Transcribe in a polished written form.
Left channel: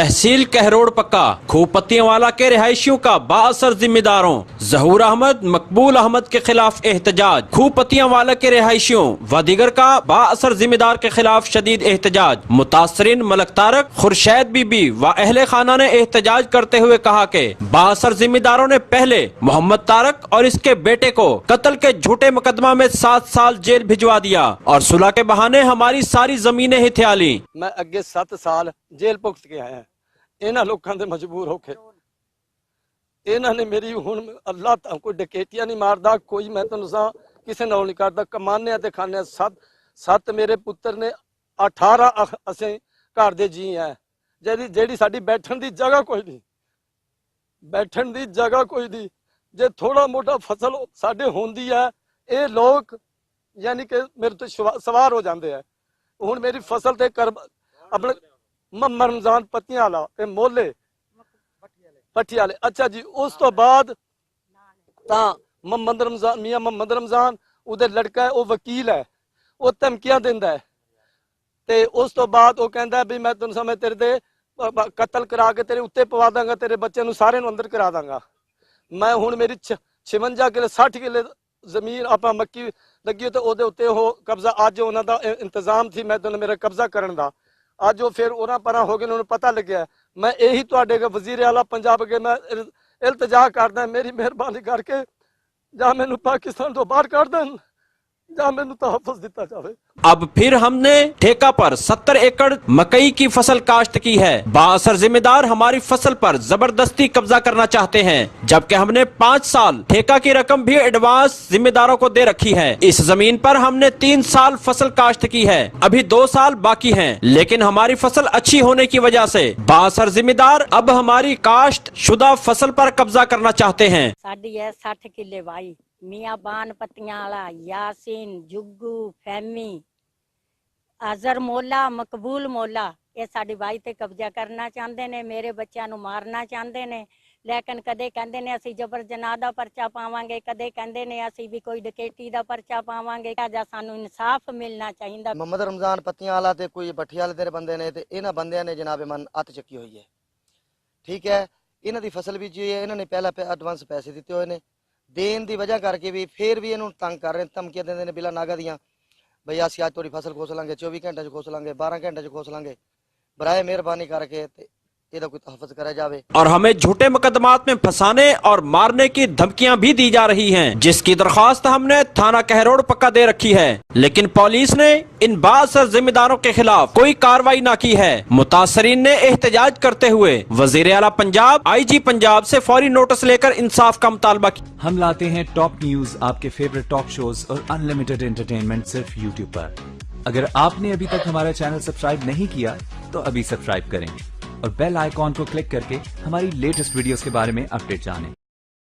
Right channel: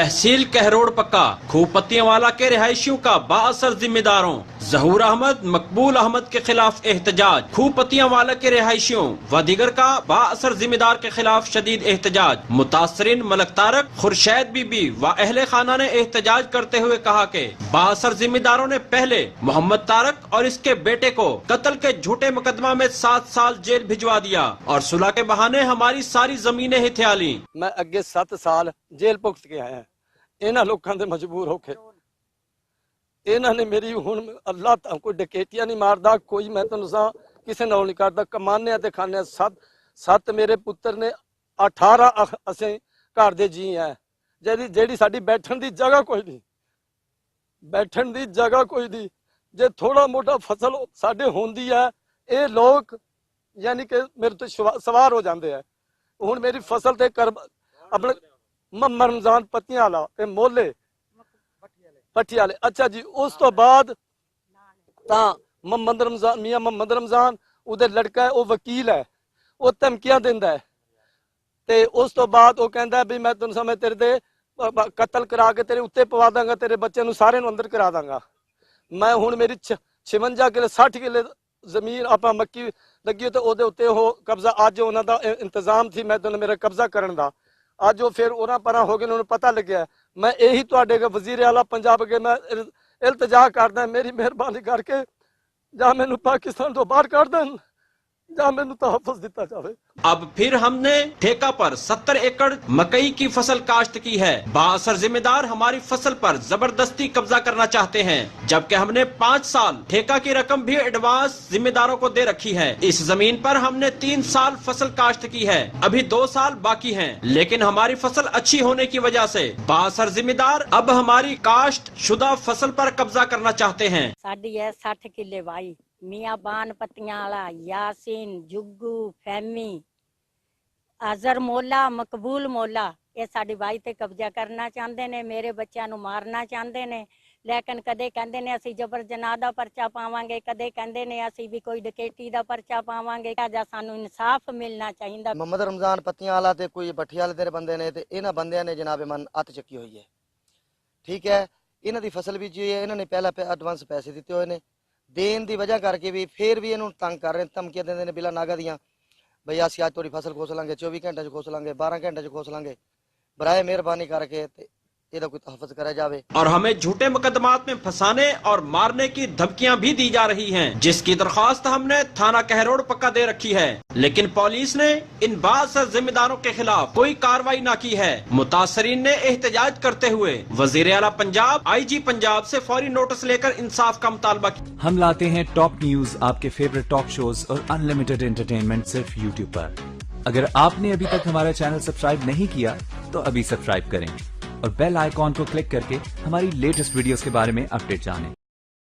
तहसील कहरोड़ पक्का खूपत्तियों वाला के रिहायशियों का बाअसर जिम्मेदारों जहूर अहमद मकबूल अहमद के खिलाफ एहतजाज। खूपत्तियों वाला के रिहायशियों व दीगर का बाअसर जिम्मेदार के खिलाफ शदीद एहतजाज। मुतासरीन मलक तारक खुर्शैद बीबी व अहले खाना ने एहतजाज करते हुए कहा कि बाअसर जिम्मेदारों ने पहले मोहम्मद तारक और इसके बेटे को कत्ल के झूठे मुकदमा में 7 साल जेल भिजवा दिया और सुलह के बहाने हमारी सारी जमीनें हिथिया ली। मैं अगे 7 साल जेल भुगत के आया। इन्हां लोकां दे मजबूर होके इन्हां ने मेरी हुण अल्लाह तां कोई डकैतियां नहीं मारदा, कोई मैं तुहानूं सा किसे नाल नहीं करदा, कमाने ते खाने। 7 मेरे पुत्र ने 18 असें घर दे जी है। जेड़ी साडी बैठण दी जगह कोई नहीं, बैठण दी जगह कोई नहीं। जे थोड़ा मोटा फसल साडे होंदी है ये लोग यानी कि मेरे तो सवार हो जाते हैं। हुण मेरी फसल ते कर अपने मोहम्मद रमजान पत्तियां वाला ते मोले पट्टी वाले। अच्छा जी, उस तो बाद मोहम्मद रमजान मियां मोहम्मद रमजान उहदे लड़का है, वो वकील है, वो धमकियां दिंदा है। ते उस तो बाद वो कहंदा भी मैं तुहानूं समय तेरे दे कत्ल करा के तेरे उत्ते पवा दांगा, तेरे बच्चे नूं सारे नूं अंदर करा दांगा। मैं हुण मेरी 56 किले 60 किले जमीन अपना मक्की लगी तो ओदे उत्ते हो कब्जा अज उन्हां दा इंतजाम थी मैं तो मेरा कब्जा करन दा। अज वो फिर उन्हां परां हो गए, उन्होंने पता लग्या। मैं यही तुहाडे वजीर आला पंजाब अगे मैं इल्तजा करदा, मेरी मेहरबानी करके जां मैनूं पाकिस्तान तो बाहर कर देन जां मैनूं तहफ़्फ़ुज़ दिता जावे। अब फिर हमने ठेका पर 70 एकड़ मकई की फसल काश्त की है। बाअसर जिम्मेदार हमारी फसल पर जबरदस्ती कब्जा करना चाहते हैं, जबकि हमने 5 साल ठेका की रकम भी एडवांस जिम्मेदारों को दे रखी है। इस जमीन पर हमने 3 साल फसल काश्त की है, अभी 2 साल बाकी हैं, लेकिन हमारी फसल अच्छी होने की वजह से बाअसर जिम्मेदार अब हमारी काश्त शुदा फसल पर कब्जा करना चाहते हैं। साडी है 60 किले वाई मियां बान पत्तियां वाला यासीन जुग्गू फैमी अजहर मोला मकबूल मोला ये साडी वाई ते कब्जा करना चाहते ने, मेरे बच्चों नूं मारना चाहते ने। लेकिन कदे कहंदे ने असीं जबर जनाह दा पर्चा पावांगे, कदे कहंदे ने असीं भी कोई डकैती दा पर्चा पावांगे। जा सानूं इंसाफ मिलना चाहिदा। मोहम्मद रमजान पत्तियां वाला ते कोई भट्ठी वाले दे बंदे ने ते इन्हां बंदियां ने जनाब मन हत्थ चुकी हुई है। ठीक है, इन्हां दी फसल बीजी हुई है, इन्हां ने पहला एडवांस पैसे दिते हुए ने, देन की वजह करके भी फिर भी इन्होंने तंग कर रहे हैं, धमकियां देंदे ने बिला नागा दियां भई असीं अज तुहाडी फसल खोस लांगे, 24 घंटे खोस लांगे, 12 घंटे खोस लांगे। बराए मेहरबानी करके ਇਹਦਾ कोई तहफ़्फ़ुज़ करा जावे। और हमें झूठे मुकदमात में फंसाने और मारने की धमकियां भी दी जा रही हैं, जिसकी दरख्वास्त हमने थाना कहरोड़ पक्का दे रखी है, लेकिन पुलिस ने इन बाअसर जिम्मेदारों के खिलाफ कोई कार्रवाई न की है। मुतासरीन ने एहतजाज करते हुए वजीर आला पंजाब IG पंजाब से फौरी नोटिस लेकर इंसाफ का मुतालबा किया। हम लाते हैं टॉप न्यूज, आपके फेवरेट टॉक शोज और अनलिमिटेड एंटरटेनमेंट सिर्फ YouTube पर। अगर आपने अभी तक हमारा चैनल सब्सक्राइब नहीं किया तो अभी सब्सक्राइब करें और बेल आइकॉन को क्लिक करके हमारी लेटेस्ट वीडियोस के बारे में अपडेट जानें।